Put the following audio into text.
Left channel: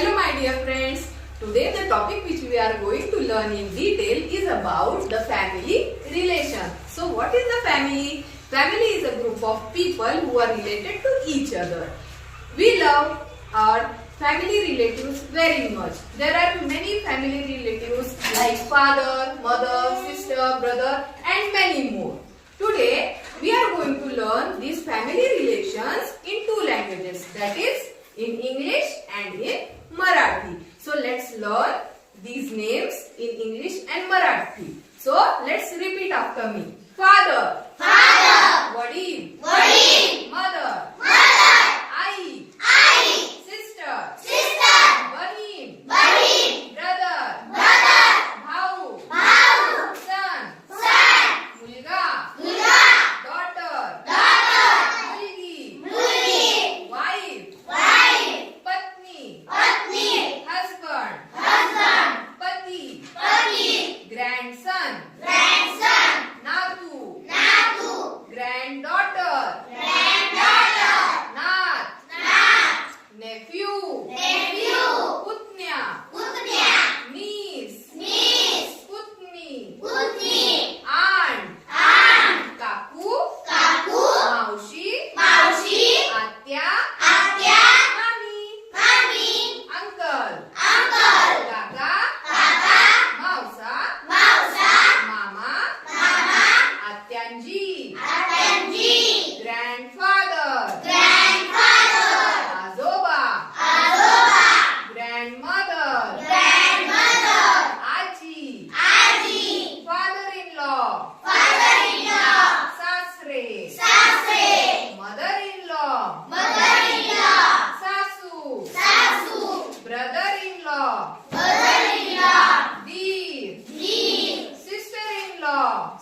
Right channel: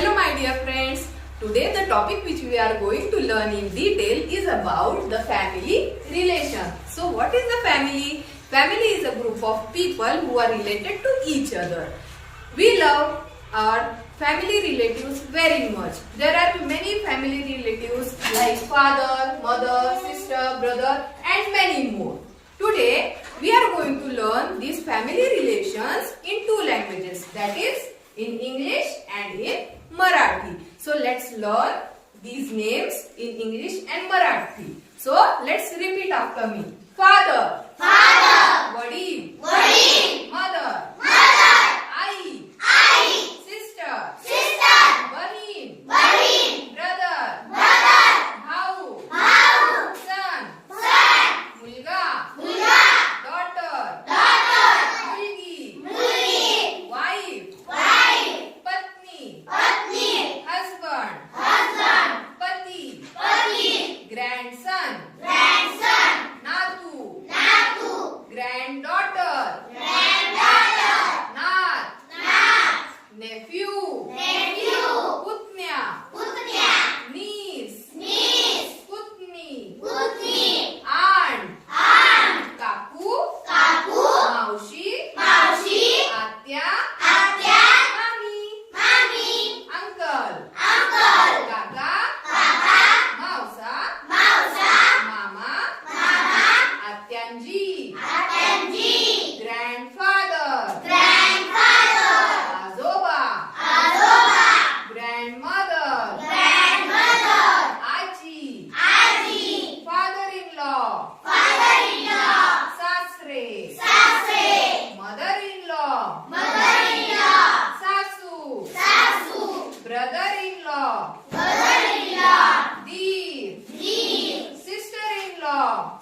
Hello my dear friends. Today the topic which we are going to learn in detail is about the family relation. So what is the family? Family is a group of people who are related to each other. We love our family relatives very much. There are many family relatives like father, mother, sister, brother and many more. Today we are going to learn these family relations in two languages, that is in English and in Marathi. So let's learn these names in English and Marathi. So let's repeat after me. Father, Father, वडील, वडील, mother, mother, आई, आई, sister, sister, बहीण, बहीण, brother, brother, भाऊ, भाऊ, son, son, मुलगा, मुलगा, daughter, daughter, मुलगी, मुलगी, wife, wife, पत्नी, पत्नी, husband, husband, पती, पती, grandson, grandson, नातू, नातू, granddaughter, granddaughter, नात, नात, nephew, nephew, पुतण्या, पुतण्या, niece, niece, पुतणी, पुतणी, aunt, aunt, काकू, काकू, मावशी, मावशी, आत्या, आत्या, मामी, मामी, अंकल, uncle, काका, काका, मावसा, मावसा, मामा, मामा, आत्यांजी, आत्यांजी, grandfather, grandfather, आजोबा, आजोबा, grandmother, grandmother, आजी, आजी, father-in-law, father-in-law, सासरे, सासरे, mother-in-law, mother-in-law, सासू, सासू, brother-in-law, brother-in-law, दीर, दीर, sister-in-law,